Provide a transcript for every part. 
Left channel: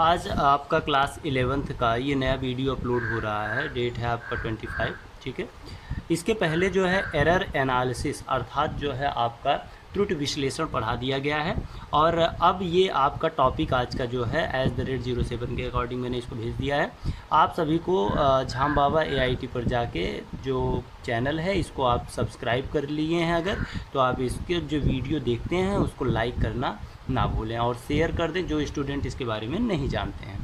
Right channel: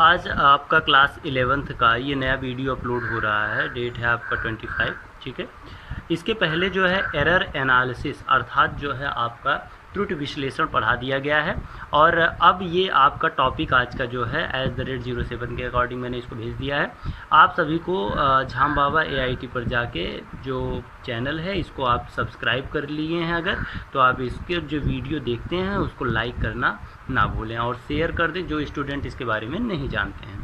आज आपका class 11th का ये नया वीडियो अपलोड हो रहा है। डेट है आपका 25, ठीक है। इसके पहले जो है एरर एनालिसिस अर्थात जो है आपका त्रुटि विश्लेषण पढ़ा दिया गया है। और अब ये आपका टॉपिक आज का जो है @07 के अकॉर्डिंग मैंने इसको भेज दिया है। आप सभी को झाम बाबा AIT पर जाके जो चैनल है इसको आप सब्सक्राइब कर लिए हैं अगर, तो आप इसके जो वीडियो देखते हैं उसको लाइक करना ना भूलें और शेयर कर दें जो स्टूडेंट इसके बारे में नहीं जानते हैं।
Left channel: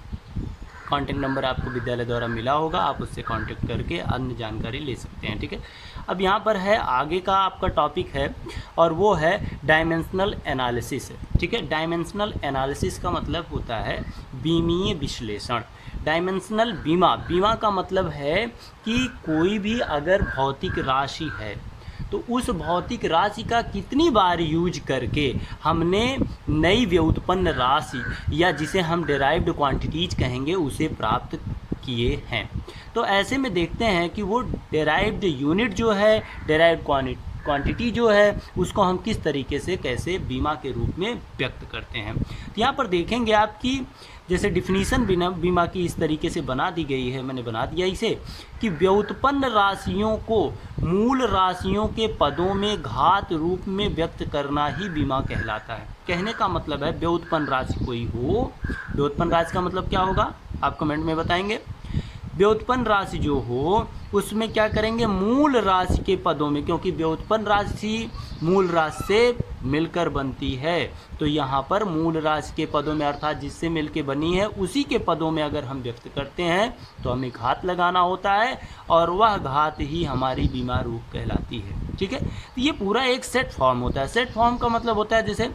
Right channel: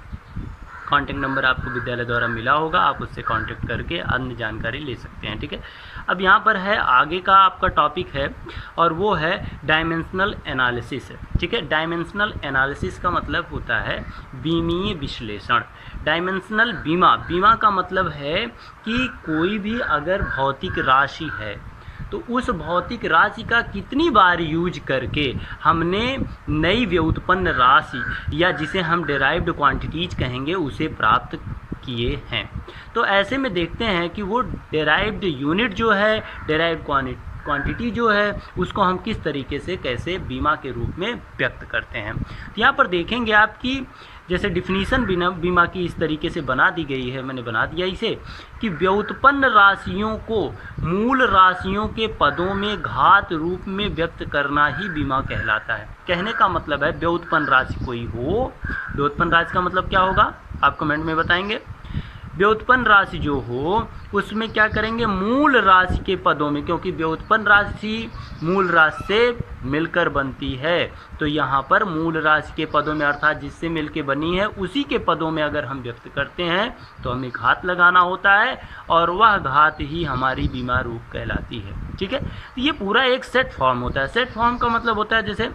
कॉन्टैक्ट नंबर आपको विद्यालय द्वारा मिला होगा, आप उससे कांटेक्ट करके अन्य जानकारी ले सकते हैं, ठीक है। अब यहाँ पर है आगे का आपका टॉपिक है और वो है डायमेंशनल एनालिसिस, ठीक है। डायमेंशनल एनालिसिस का मतलब होता है बीमीय विश्लेषण। डायमेंशनल बीमा का मतलब है कि कोई भी अगर भौतिक राशि है तो उस भौतिक राशि का कितनी बार यूज करके हमने नई व्युत्पन्न राशि या जिसे हम डेराइव्ड क्वांटिटीज कहेंगे उसे प्राप्त किए हैं। तो ऐसे में देखते हैं कि वो डेराइव्ड यूनिट जो है, डेराइव्ड क्वांटिटी जो है, उसको हम किस तरीके से कैसे बीमा के रूप में व्यक्त करते हैं। तो यहाँ पर देखेंगे आपकी जैसे डिफिनीशन बीमा की इस तरीके से बना दी गई है, मैंने बना दिया इसे कि व्युत्पन्न राशियों को मूल राशियों के पदों में घात रूप में व्यक्त करना ही बीमा कहलाता है। कहने का मतलब है व्युत्पन्न राशि कोई हो, व्युत्पन्न राशि का मतलब क्या होगा आप कमेंट में बताएंगे। व्युत्पन्न राशि जो हो उसमें क्या करेंगे, मूल राशि के पदों में, क्योंकि व्युत्पन्न राशि मूल राशि से मिलकर बनती है, तो यहाँ पर मूल राशि के पदों में अर्थात जिससे मिलकर बनी है उसी के पदों में अगर हम व्यक्त करते हैं तो हमें घात लगाना होता है और वह घात ही हमारी बीमा रूप कहलाती है, ठीक है। तो ये पूरा एक सेट फॉर्म होता है। सेट फॉर्म का मतलब होता है जैसे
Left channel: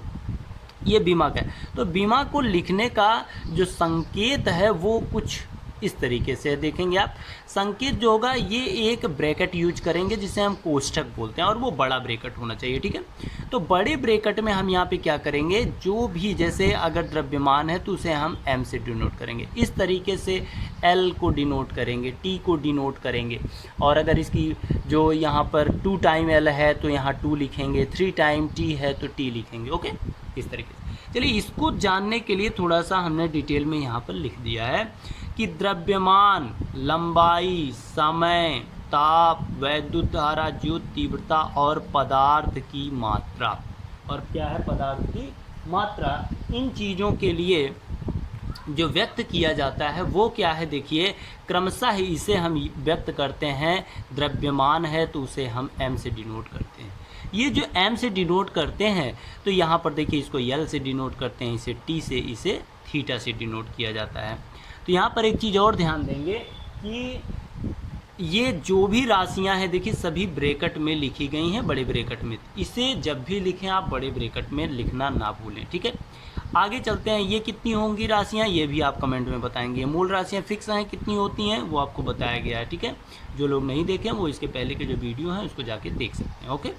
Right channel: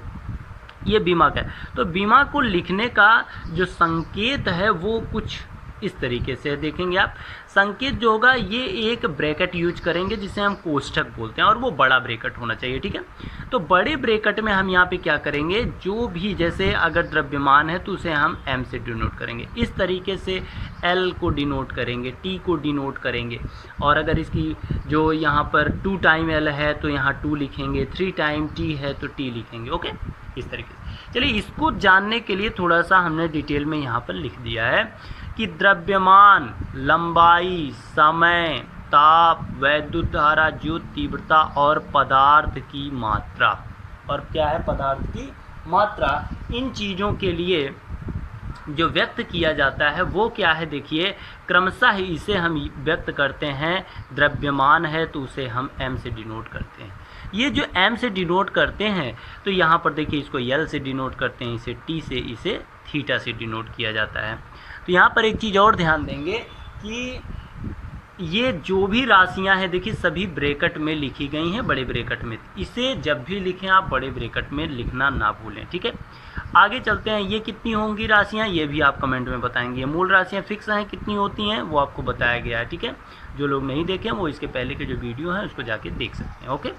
ये बीमा का है, तो बीमा को लिखने का जो संकेत है वो कुछ इस तरीके से देखेंगे आप। संकेत जो होगा ये एक ब्रैकेट यूज करेंगे जिसे हम कोष्ठक बोलते हैं और वो बड़ा ब्रैकेट होना चाहिए, ठीक है। तो बड़े ब्रैकेट में हम यहाँ पे क्या करेंगे, जो भी जैसे अगर द्रव्यमान है तो उसे हम M से डिनोट करेंगे, इस तरीके से L को डिनोट करेंगे, T को डिनोट करेंगे। और अगर इसकी जो यहाँ पर 2 टाइम L है तो यहाँ 2 लिखेंगे, 3 टाइम T है तो T लिखेंगे, ओके, इस तरीके से। चलिए इसको जानने के लिए थोड़ा सा हमने डिटेल में यहाँ पर लिख दिया है कि द्रव्यमान, लंबाई, समय, ताप, वैद्युत धारा, ज्योत तीव्रता और पदार्थ की मात्रा, और क्या है पदार्थ की मात्रा, इन चीज़ों के लिए जो व्यक्त किया जाता है वो क्या है, देखिए क्रमशः इसे हम व्यक्त करते हैं। द्रव्यमान है तो उसे हम M से डिनोट करते हैं। ये जो M से डिनोट करते हैं तो यहाँ पर देखिए इसको L से डिनोट करते हैं, इसे T से, इसे थीटा से डिनोट किया जाता है। तो यहाँ पर एक चीज़ और ध्यान देंगे कि ये जो भी राशियाँ हैं देखिए सभी ब्रैकेट में लिखी गई हैं, बड़े ब्रैकेट में। इसे जब भी लिखें आप बड़े ब्रैकेट में लिखना ना भूलें, ठीक है। आगे चलते हैं, ये कितनी होंगी राशियाँ ये भी आप कमेंट में बताएंगे। मूल राशियाँ फिक्स हैं कितनी होती हैं वो आपको बताया गया है, ठीक है। जो लोग नहीं देखें वो इसके पहले के जो वीडियो हैं उसको जाके देख सकते हैं, ओके।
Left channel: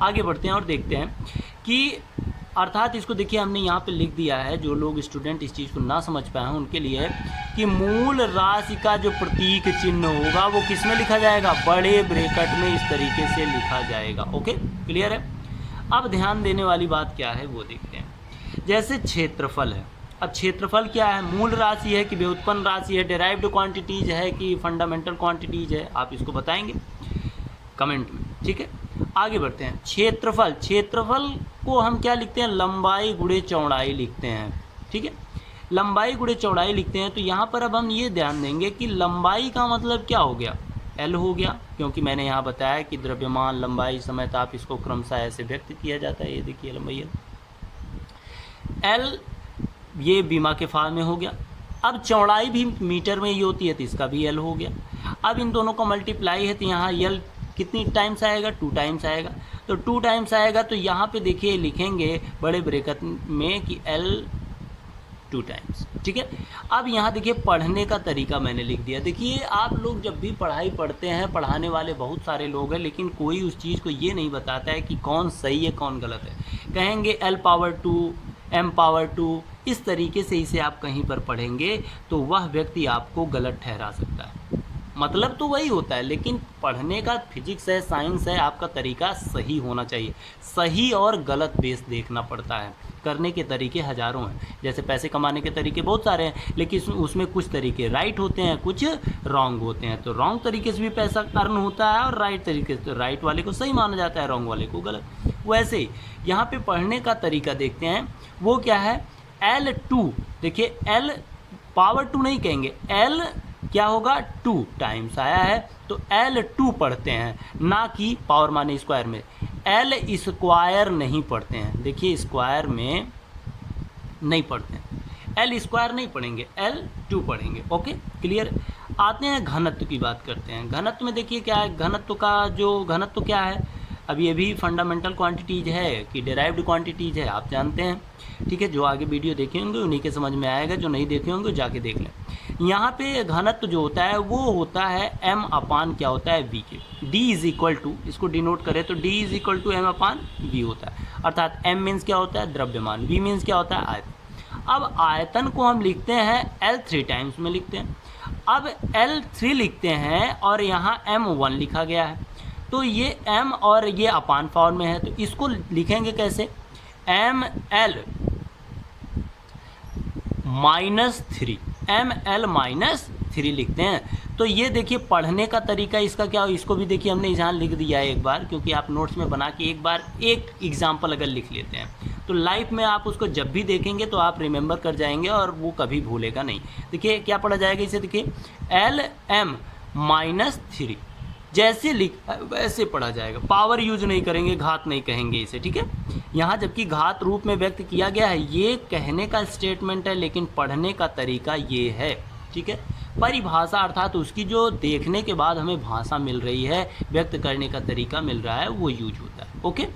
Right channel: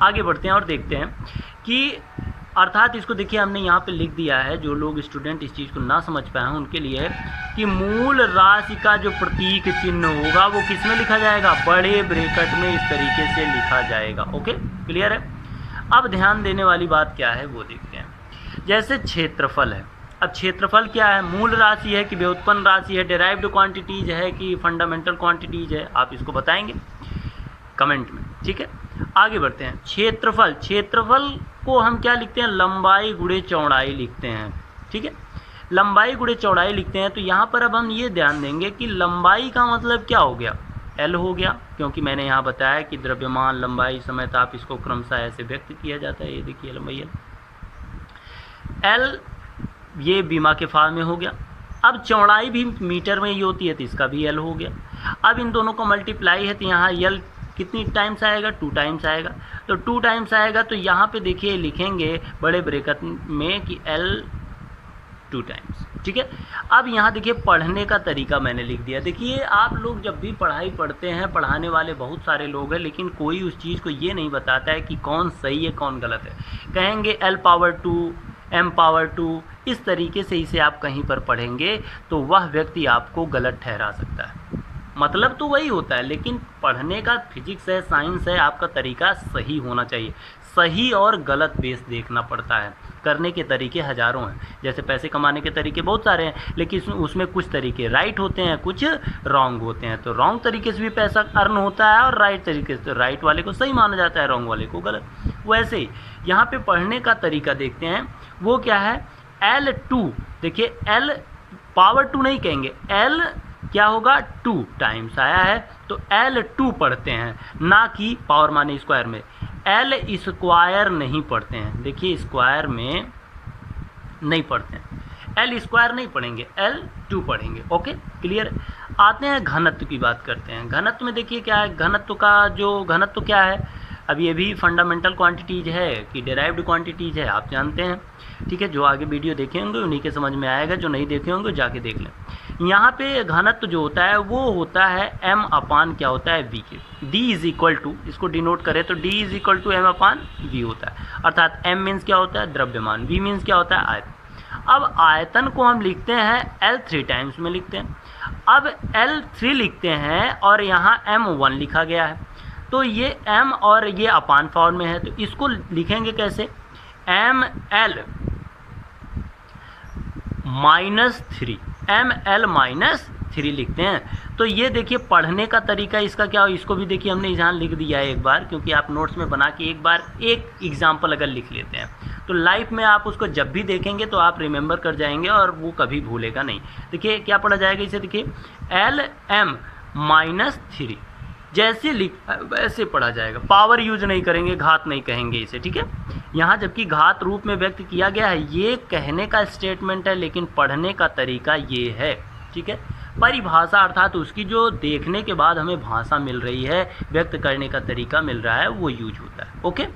आगे बढ़ते हैं और देखते हैं कि अर्थात इसको देखिए हमने यहाँ पे लिख दिया है, जो लोग स्टूडेंट इस चीज़ को ना समझ पाए हैं उनके लिए, कि मूल राशि का जो प्रतीक चिन्ह होगा वो किस में लिखा जाएगा, बड़े ब्रैकेट में इस तरीके से लिखा जाएगा, ओके, क्लियर है। अब ध्यान देने वाली बात क्या है वो देखते हैं। जैसे क्षेत्रफल है, अब क्षेत्रफल क्या है, मूल राशि है कि व्युत्पन्न राशि है, डेराइव्ड क्वांटिटीज है कि फंडामेंटल क्वांटिटीज है, आप इसको बताएंगे कमेंट में, ठीक है। आगे बढ़ते हैं, क्षेत्रफल को हम क्या लिखते हैं, लंबाई गुणे चौड़ाई लिखते हैं, ठीक है। लंबाई गुणे चौड़ाई लिखते हैं। तो यहाँ पर अब हम ये ध्यान देंगे कि लंबाई का मतलब क्या हो गया, L हो गया, क्योंकि मैंने यहाँ बताया कि द्रव्यमान, लंबाई, समय, ताप, इसको क्रमशः ऐसे व्यक्त किया जाता है। ये देखिए लंबाई L ये बीमा के फॉर्म में हो गया। अब चौड़ाई भी मीटर में ही होती है तो इसका भी L हो गया। अब इन दोनों को मल्टीप्लाई है तो यहाँ L कितनी टाइम्स आएगा, 2 टाइम्स आएगा। तो 2 टाइम्स आएगा तो यहाँ पे देखिए लिखेंगे बड़े ब्रैकेट में कि L 2 टाइम्स, ठीक है। अब यहाँ देखिए पढ़ने का तरीका मैंने लिख दिया। देखिए आप लोग जब भी पढ़ाई पढ़ते हैं, पढ़ाने वाले बहुत सारे लोग हैं लेकिन कोई उस चीज़ को ये नहीं बताता है कि कौन सही है कौन गलत है। कहेंगे L⁻², M⁻², इस तरीके से इसे आप कहीं पर पढ़ेंगे तो वह व्यक्ति आपको गलत ठहरा सकता है। मतलब तो वही होता है, लेकिन पढ़ने का फिजिक्स है, साइंस है, आपका तरीका सही होना चाहिए। सही और गलत बेस देखना पड़ता है। करने के तरीके हज़ारों हैं, जैसे पैसे कमाने के तरीके बहुत सारे हैं, लेकिन उसमें कुछ तरीके राइट होते हैं, कुछ रॉन्ग होते हैं। तो रॉन्ग तरीके से भी पैसा अर्न होता है और राइट तरीके से, राइट वाले को सही माना जाता है, रॉन्ग वाले को गलत। वैसे ही यहाँ पे पढ़ने का तरीका देखते हैं, वो क्या है, L2। देखिए L पावर 2 नहीं कहेंगे, L क्या होगा 2 टाइम्स आया है तो L2 पढ़ते हैं, ना कि पावर माने स्क्वायर में। L स्क्वायर नहीं पढ़ते हैं, देखिए स्क्वायर में नहीं पढ़ते हैं, L स्क्वायर नहीं पढ़ेंगे, L2 पढ़ेंगे। Okay clear. आते हैं घनत्व की बात करते हैं। घनत्व में देखिए क्या है, घनत्व का जो घनत्व क्या है, अब ये भी फंडामेंटल क्वांटिटीज़ है कि डेराइव्ड क्वांटिटीज़ है, आप जानते हैं, ठीक है। जो आगे वीडियो देखे होंगे उन्हीं के समझ में आएगा, जो नहीं देखे होंगे जाके देख लें। यहाँ पे घनत्व जो होता है वो होता है m अपान क्या होता है v के। d इज इक्वल टू, इसको डिनोट करें तो d is equal to m upon v होता है, अर्थात m मीन्स क्या होता है, द्रव्यमान, v मीन्स क्या होता है, आयतन। अब आयतन को हम लिखते हैं L3 टाइम्स में लिखते हैं। अब L3 लिखते हैं और यहाँ m1 लिखा गया है, तो ये m और ये अपान फॉर्म में है, तो इसको लिखेंगे कैसे, ml -3, ml -3 लिखते हैं। तो ये देखिए पढ़ने का तरीका इसका क्या हो, इसको भी देखिए हमने यहाँ लिख दिया है एक बार, क्योंकि आप नोट्स में बना के एक बार एक एग्जाम्पल अगर लिख लेते हैं तो लाइफ में आप उसको जब भी देखेंगे तो आप रिमेंबर कर जाएंगे और वो कभी भूलेगा नहीं। देखिए क्या पढ़ा जाएगा इसे, देखिए Lm -3 जैसे लिख वैसे पढ़ा जाएगा, पावर यूज नहीं करेंगे, घात नहीं कहेंगे इसे, ठीक है। यहाँ जबकि घात रूप में व्यक्त किया गया है, ये कहने का स्टेटमेंट है, लेकिन पढ़ने का तरीका ये है, ठीक है। परिभाषा अर्थात उसकी जो देखने के बाद हमें भाषा मिल रही है, व्यक्त करने का तरीका मिल रहा है, वो यूज होता है। ओके,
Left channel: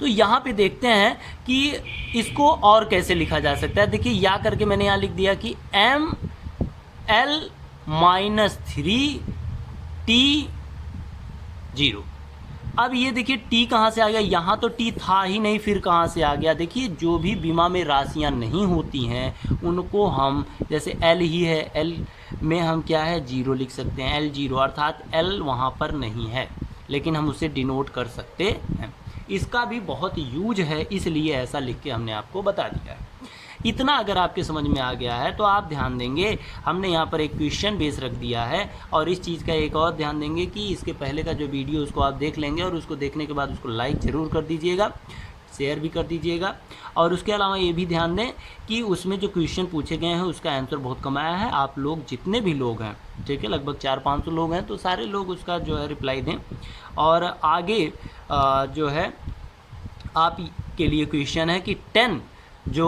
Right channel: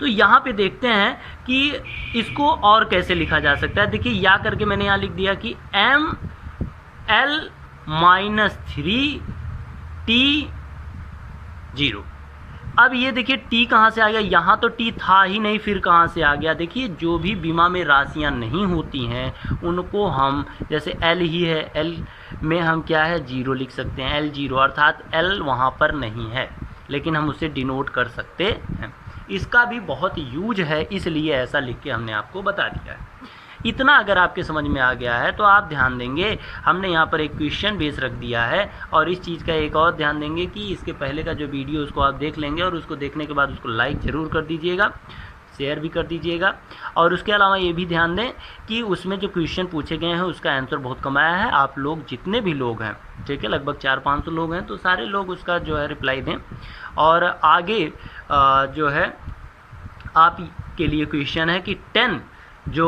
तो यहाँ पे देखते हैं कि इसको और कैसे लिखा जा सकता है। देखिए या करके मैंने यहाँ लिख दिया कि ml -3 T0। अब ये देखिए t कहाँ से आ गया, यहाँ तो t था ही नहीं, फिर कहाँ से आ गया। देखिए जो भी बीमा में राशियाँ नहीं होती हैं उनको हम, जैसे l ही है, l में हम क्या है 0 लिख सकते हैं, L0 अर्थात l वहाँ पर नहीं है, लेकिन हम उसे डिनोट कर सकते हैं। इसका भी बहुत यूज है, इसलिए ऐसा लिख के हमने आपको बता दिया है। इतना अगर आपके समझ में आ गया है तो आप ध्यान देंगे, हमने यहाँ पर एक क्वेश्चन बेस रख दिया है, और इस चीज़ का एक और ध्यान देंगे कि इसके पहले का जो वीडियो उसको आप देख लेंगे, और उसको देखने के बाद उसको लाइक ज़रूर कर दीजिएगा, शेयर भी कर दीजिएगा। और उसके अलावा ये भी ध्यान दें कि उसमें जो क्वेश्चन पूछे गए हैं उसका आंसर बहुत कम आया है। आप लोग जितने भी लोग हैं, ठीक है, लगभग 400-500 लोग हैं, तो सारे लोग उसका जो है रिप्लाई दें। और आगे जो है आप के लिए क्वेश्चन है कि 10 जो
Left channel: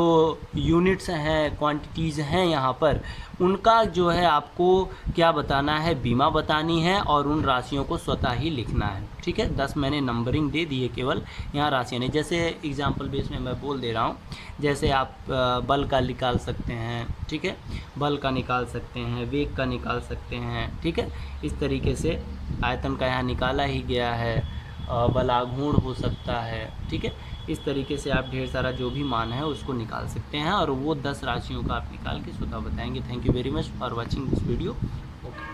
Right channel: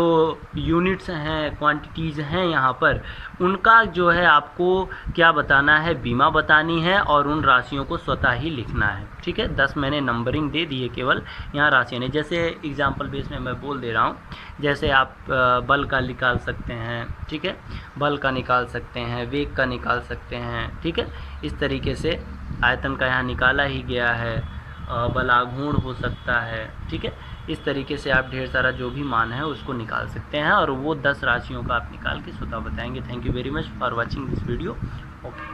यूनिट्स हैं, क्वांटिटीज़ हैं यहाँ पर, उनका जो है आपको क्या बताना है, बीमा बतानी है, और उन राशियों को स्वतः ही लिखना है, ठीक है। 10 मैंने नंबरिंग दे दी है, केवल यहाँ राशियाँ नहीं। जैसे एग्जांपल बेस में मैं बोल दे रहा हूँ, जैसे आप बल का निकाल सकते हैं, ठीक है, बल का निकाल सकते हैं, वेग का निकाल सकते हैं, ठीक है। इस तरीके से आयतन का यहाँ निकाला ही गया है, बलाघूर्ण हो सकता है, ठीक है। इस तरीके से आप ढेर सारा जो भी मान है उसको निकाल सकते हैं, और वो 10 राशियों का आप निकाल के स्वतः बताएंगे। Thank you very much for watching this video. Okay.